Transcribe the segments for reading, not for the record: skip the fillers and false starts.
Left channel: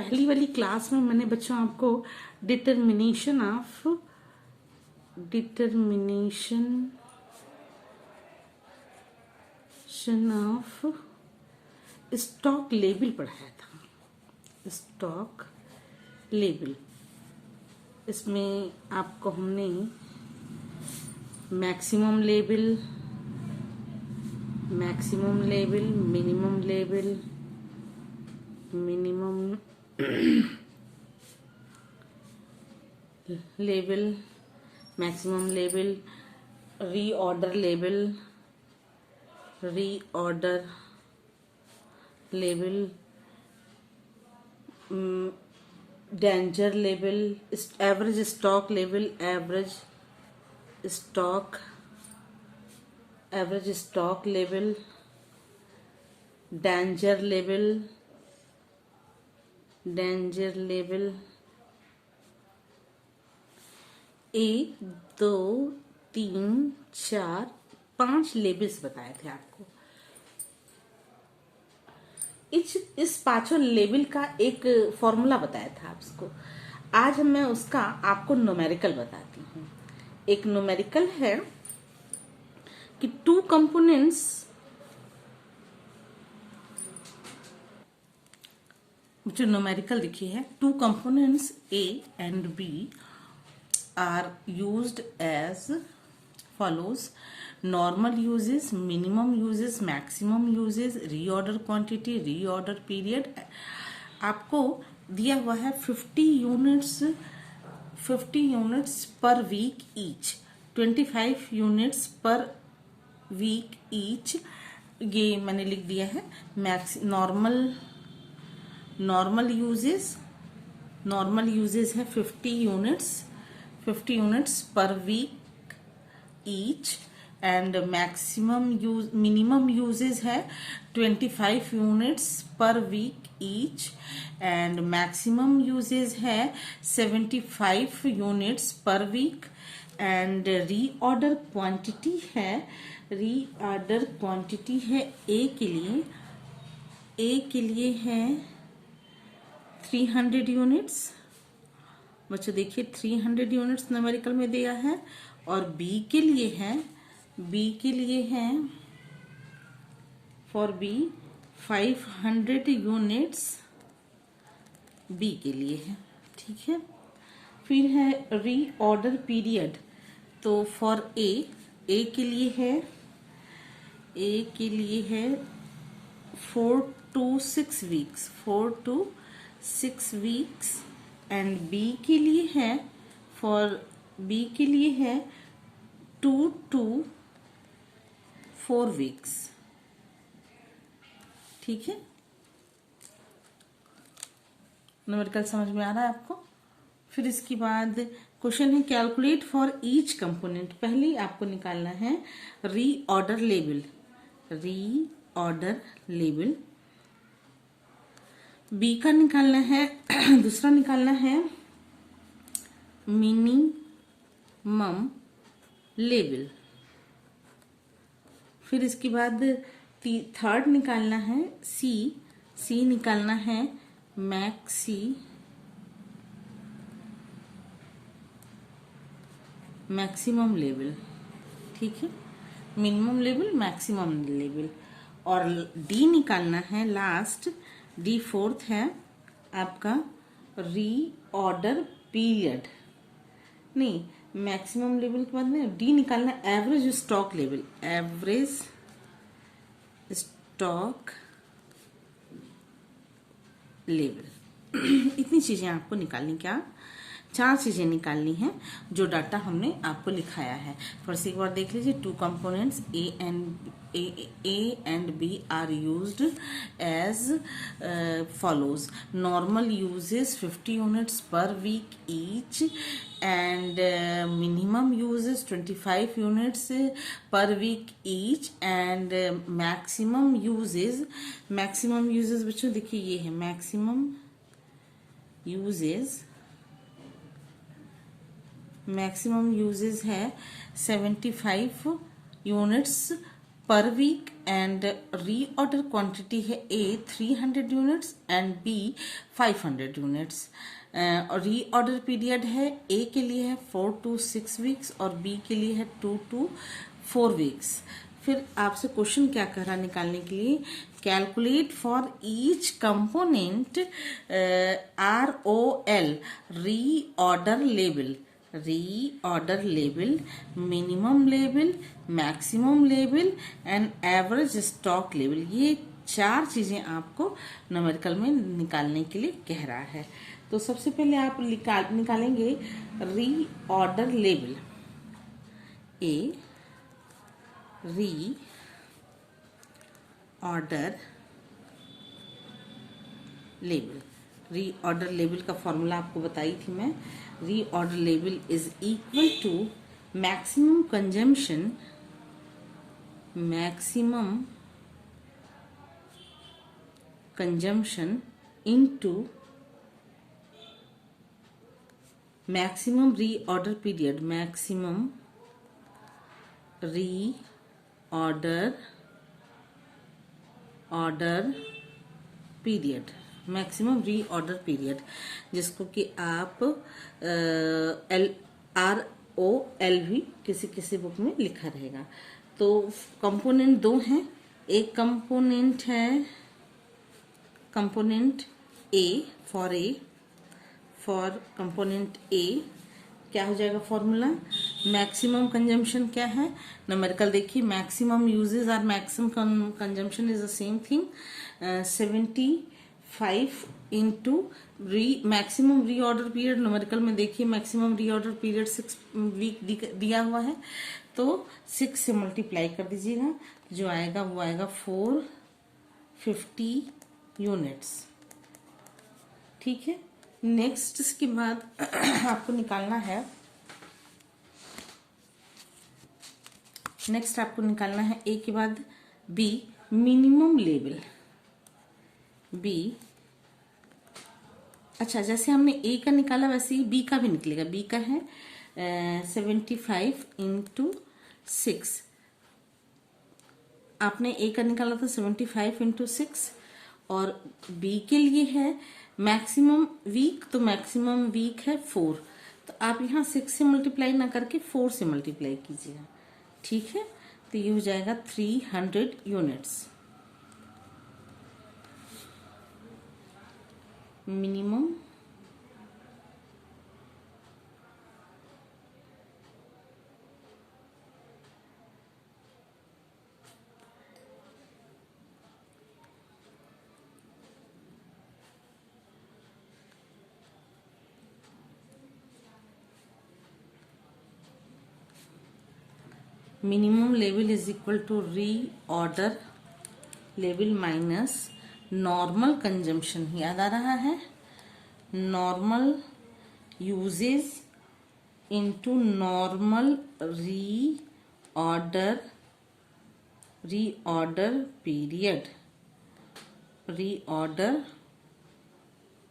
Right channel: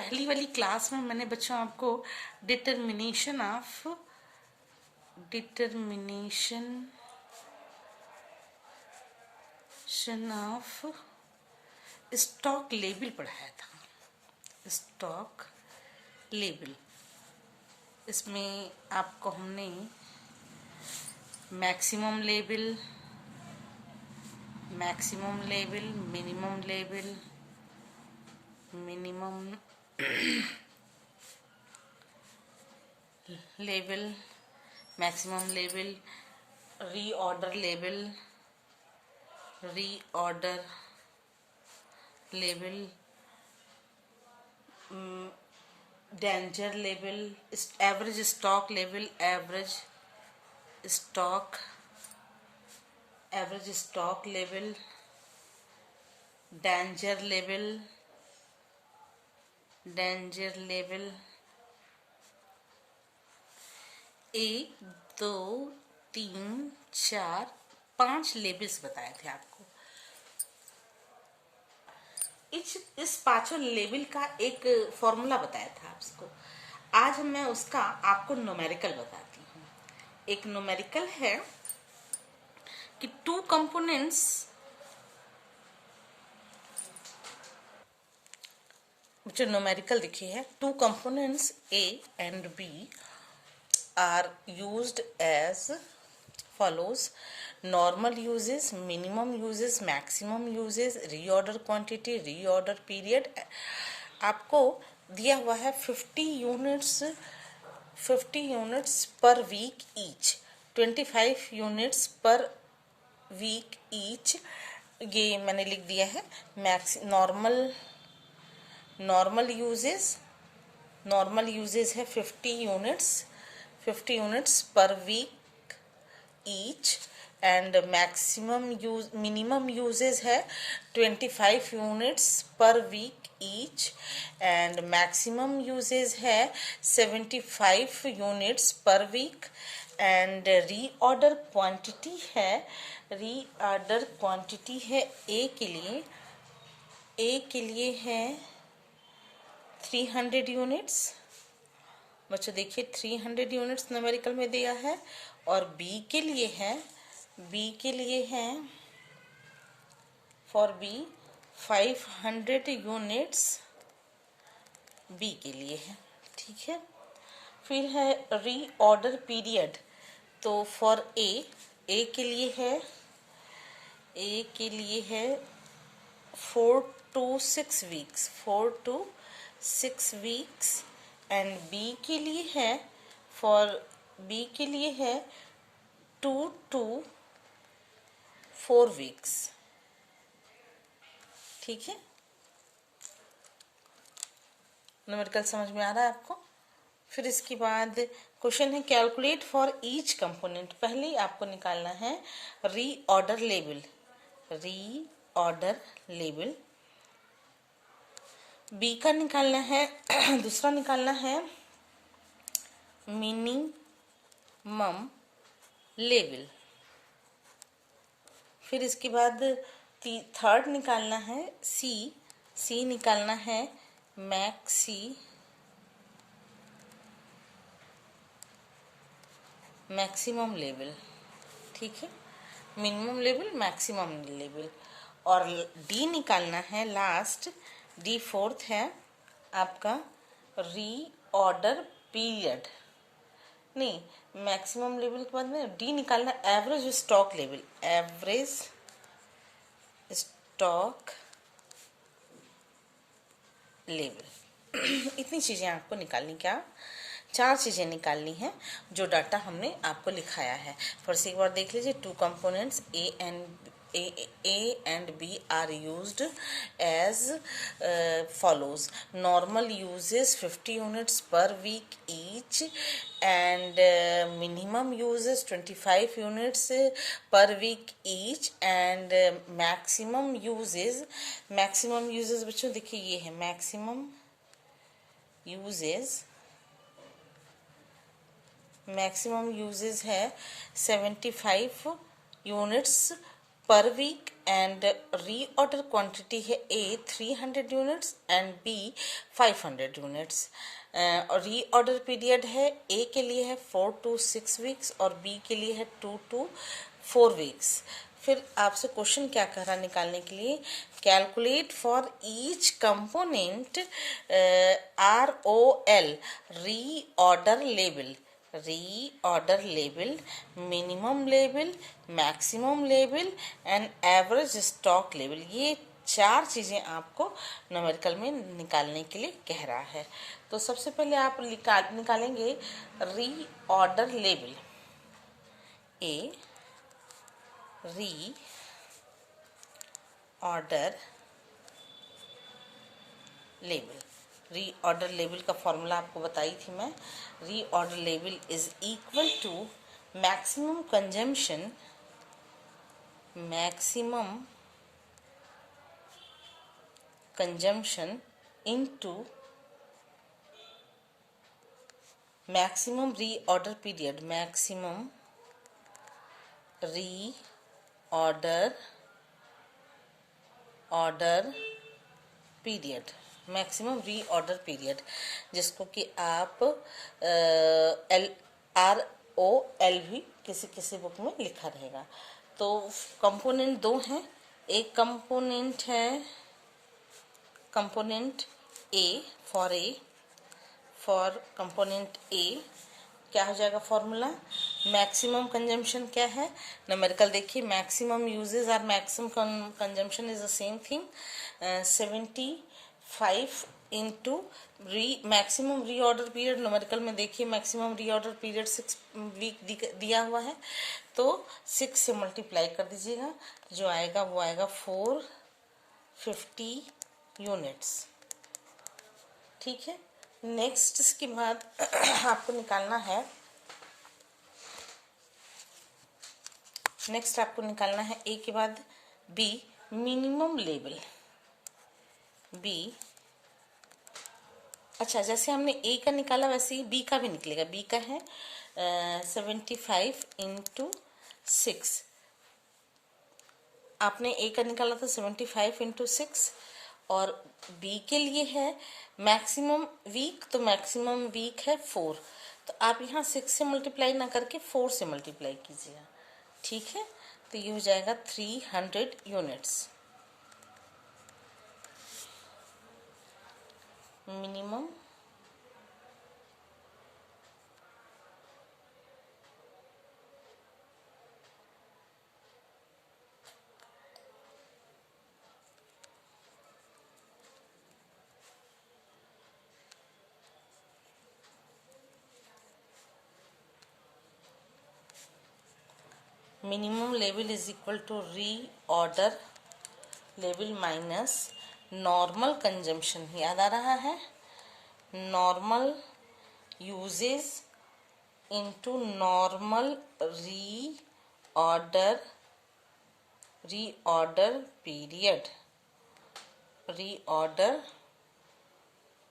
पहली वाली क्लास में मैंने बच्चों आपको डिटर्मिनेशन ऑफ स्टॉक लेबल पढ़ाया था। स्टॉक लेबल, इसमें आपको हमने maximum label, minimum label, maximum label, reorder label, danger label, average stock label, average stock label, danger label. 1 2 3 4 5 labels बताए थे आपको। इस पांचों लेबल का एक फॉर्मूला बताया था आपको। आज मैं उसका आपको न्यूमेरिकल बताती हूँ। एक न्यूमेरिकल है कि 2 कंपोनेंट्स, जो न्यूमेरिकल लिखी है, 2 components A and B are used as follows: normal uses, minimum uses, maximum uses, reorder quantity, reorder period। आपको दिया हुआ है 50 units per week each, 25 units per week each. ये मैंने लिख दिया है। नॉर्मल यूजेस है 50 units per week each, and minimum usages है 25 units per week each, and maximum usages है 75 units per week, and reorder quantity है ए के लिए है 300 यूनिट्स। बच्चों देखिए 300 यूनिट्स न्यूमेरिकल में दिया है, और बी के लिए है फॉर बी 500 यूनिट्स बी के लिए है। ठीक है। फिर है रीऑर्डर पीरियड, तो फॉर ए के लिए है 4 to 6 वीक्स, एंड बी के लिए है 2 to 4 वीक्स। ठीक है। न्यूमेरिकल समझ में आ रहा है आपको। फिर इसके बाद क्वेश्चन है कैलकुलेट फॉर ईच कंपोनेंट। पहले आपको निकालना है रीऑर्डर लेबल। बी का निकालना है दूसरा निकालना है मिनिमम लेबल। फिर इसके बाद थर्ड निकालना है सी निकालना है मैक्सिमम लेवल। ठीक है। Minimum level, maximum level. और डी निकालना है लास्ट, डी फोर्थ है आपका रीऑर्डर पीरियड। नहीं, मैक्सिमम लेवल के बाद में डी निकालना एवरेज स्टॉक लेवल। इतनी चीजें आपको निकालनी, क्या 4 चीजें निकालनी है जो डाटा हमने आपको लिखाया है। फिर से एक बार देख लीजिए। 2 components a and b are used as follows: normal usages 50 units per week each, and minimum usages 25 units per week each, and maximum usages बच्चों देखिए ये है मैक्सिमम यूजेस है 75 units per week and reorder quantity है a 300 units and b 500 units. Reorder period है a के लिए है 4 to 6 वीक्स और बी के लिए है 2 to 4 वीक्स। फिर आपसे क्वेश्चन क्या कह रहा है निकालने के लिए, calculate for each component ROL reorder level, reorder level, minimum level, maximum level and average stock level. ये 4 चीज़ें आपको न्यूमेरिकल में निकालने के लिए कह रहा है। तो सबसे पहले आप निकालेंगे reorder level. A reorder level, reorder level का फॉर्मूला आपको बताई थी मैं। Reorder level is equal to maximum consumption, maximum consumption into maximum reorder period, maximum reorder period, maximum reorder period, जिसको कि आप ROL भी किसी किसी बुक में लिखा रहेगा। तो कंपोनेंट 2 हैं। एक कंपोनेंट है कंपोनेंट ए, फॉर कंपोनेंट ए क्या हो जाएगा फॉर्मूला, मैक्सिमम कंजम्पशन क्या है, न्यूमेरिकल देखिए, मैक्सिमम यूजेस और maximum consumption is the same thing. 75 into maximum reorder period, numerical में देखिए maximum reorder period 6 week दिया हुआ है, तो 6 से मल्टीप्लाई कर दीजिएगा, जो आएगा वो आएगा 450 यूनिट्स। ठीक है। नेक्स्ट इसके बाद आपको निकालना है, ए के बाद बी, मिनिमम लेवल। बी, अच्छा जैसे हमने ए का निकाला वैसे ही बी का भी निकलेगा। बी का है 75 इंटू 6, आपने ए का निकाला था 75 इंटू 6, और बी के लिए है मैक्सिमम वीक, तो मैक्सिमम वीक है 4, तो आप यहाँ 6 से मल्टीप्लाई ना करके 4 से मल्टीप्लाई कीजिएगा। ठीक है, तो ये हो जाएगा 300 units. Minimum minimum level is equal to reorder level minus normal consumption, याद आ रहा है, normal usages into normal reorder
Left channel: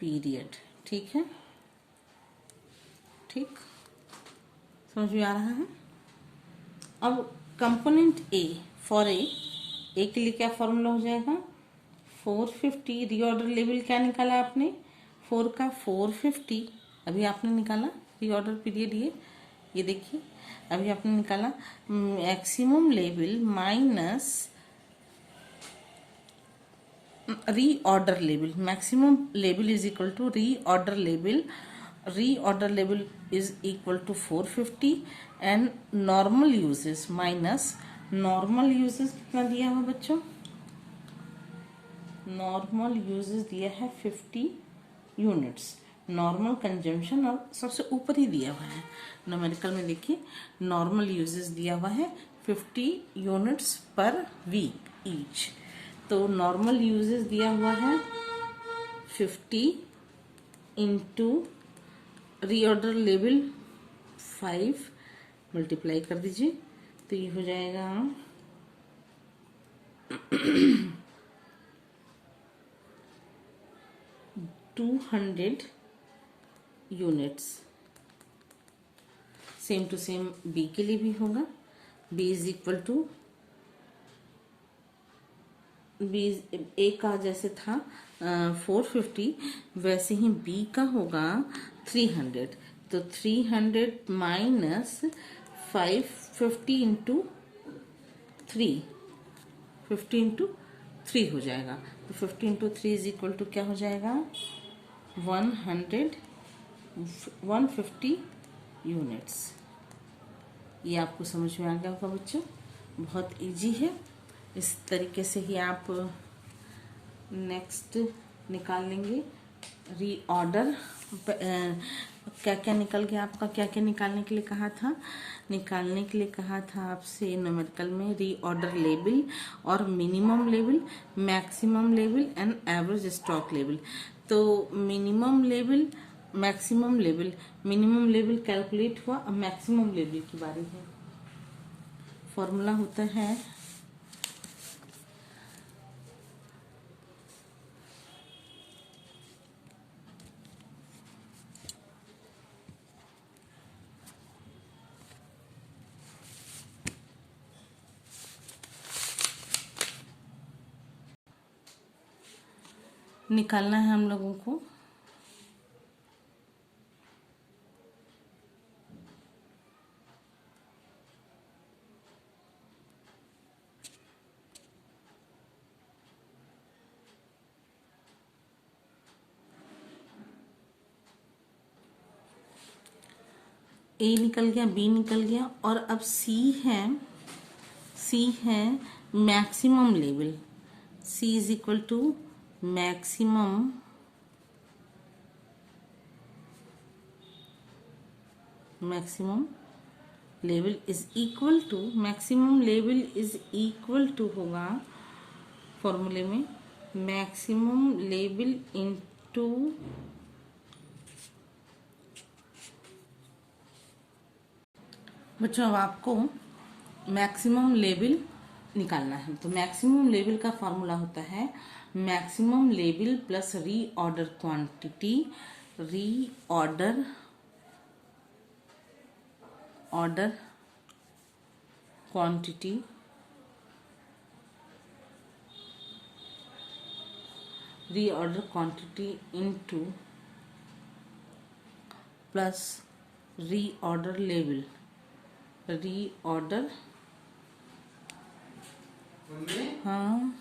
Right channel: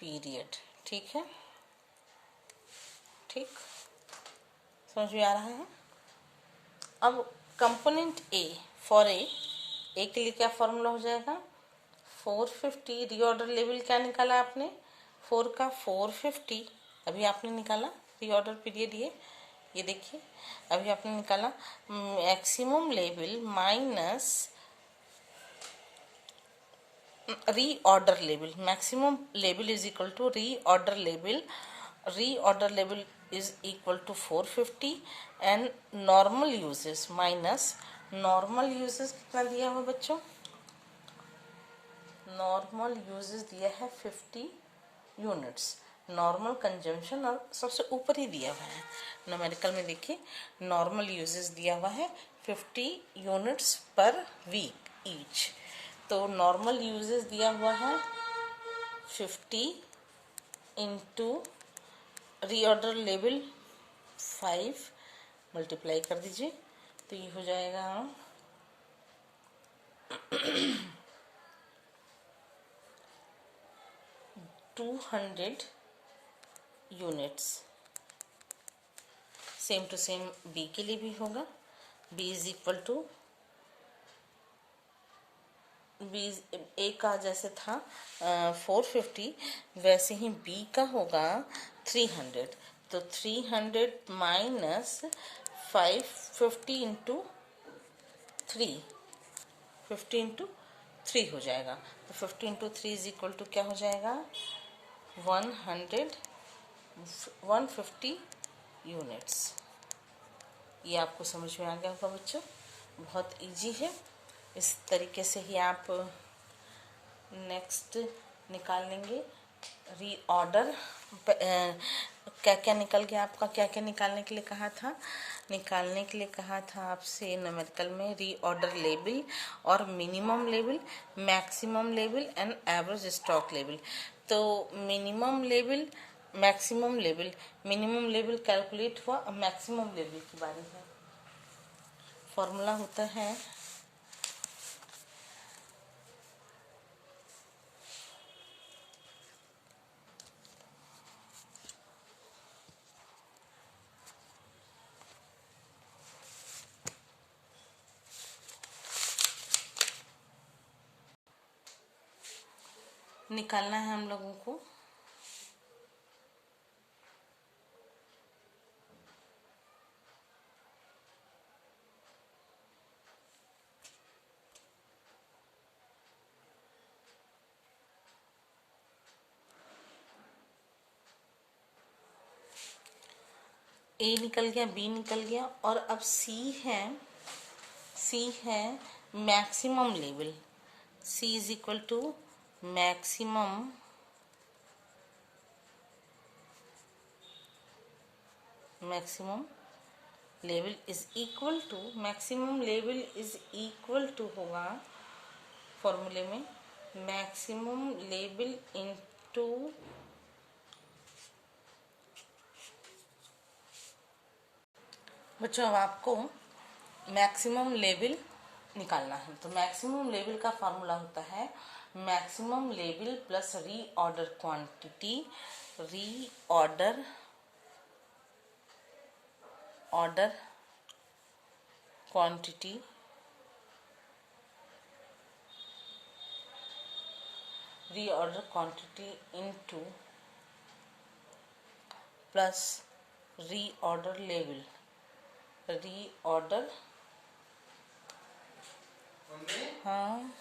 period. ठीक है, ठीक, समझ में आ रहा है। अब कंपोनेंट ए, फॉर ए के लिए क्या फॉर्मूला हो जाएगा, 450, रीऑर्डर लेवल क्या निकाला आपने, 4 का 450 अभी आपने निकाला, रीऑर्डर पीरियड ये देखिए अभी आपने निकाला, maximum level minus reorder level, maximum level is equal to reorder level is equal to 450 and normal usages minus normal usages कितना दिया हुआ बच्चों, नॉर्मल यूजेस दिया है 50 यूनिट्स, नॉर्मल कंजम्पशन और सबसे ऊपर ही दिया हुआ है न्यूमेरिकल में, देखिए नॉर्मल यूजेस दिया हुआ है 50 यूनिट्स पर वीक ईच, तो नॉर्मल यूजेस दिया हुआ है 50 इंटू रीऑर्डर लेवल 5 मल्टीप्लाई कर दीजिए, तो ये हो जाएगा 200 units. Same to same B के लिए भी होगा, B is equal to B, A का जैसे था 450, वैसे ही बी का होगा 300। तो 300 माइनस 550 इंटू 3, 50 इंटू 3 हो जाएगा। तो 50 इंटू 3 इज इक्वल टू क्या हो जाएगा, 150 यूनिट्स। ये आपको समझ में आ गया होगा बच्चों, बहुत इजी है। इस तरीके से ही आप नेक्स्ट निकाल लेंगे। रीऑर्डर क्या क्या निकल गया आपका, क्या क्या निकालने के लिए कहा था, निकालने के लिए कहा था आपसे न्यूमेरिकल में रीऑर्डर लेवल और minimum level, maximum level and average stock level. तो minimum level, maximum level, minimum level calculate हुआ, अब मैक्सिमम लेवल की बारी है। फॉर्मूला होता है निकालना है हम लोगों को ए निकल गया, बी निकल गया, और अब सी है maximum level. C is equal to maximum level is equal to, maximum level is equal to होगा फॉर्मूले में मैक्सिमम लेवल इनटू बच्चों, अब आपको मैक्सिमम लेवल निकालना है। तो मैक्सिमम लेवल का फॉर्मूला होता है maximum level plus reorder quantity, reorder quantity into plus reorder level, reorder, हाँ